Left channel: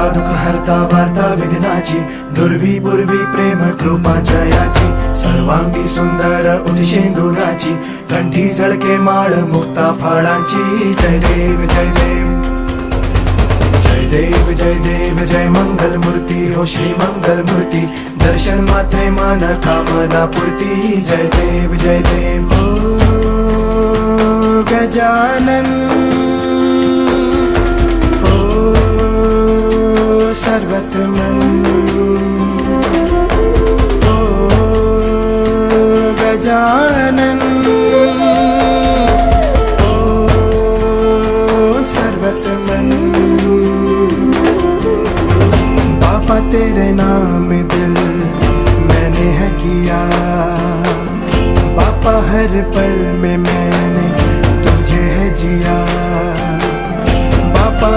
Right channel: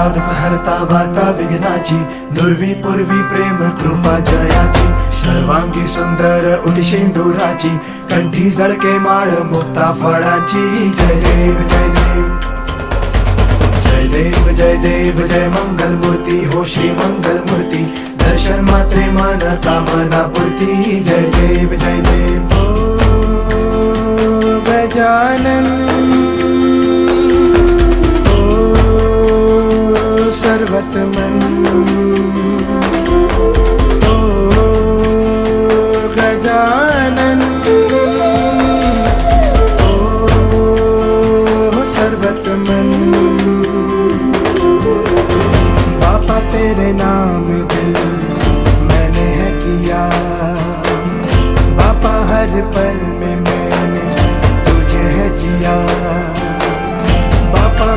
हरता दुःख हरता वार्ता विघ्नाची, दुर्वी पूर्वी प्रेम कृपा जयाची, सर्वांगी सुंदर उदिशेंदुराची, कंठी झळके माळ मुक्ता फळाची. जय देव जय देव जय देव जय देव जय मंगल मूर्ती हो श्री मंगल मूर्ती, दर्शन मात्रे मन कामना पूर्ती. जय देव जय देव हो गजानन हो सर्वतमन हो गजानन हो सर्वतमन. बाबा तेरे नाम दिल मैंने है किया, बाबा हर पल में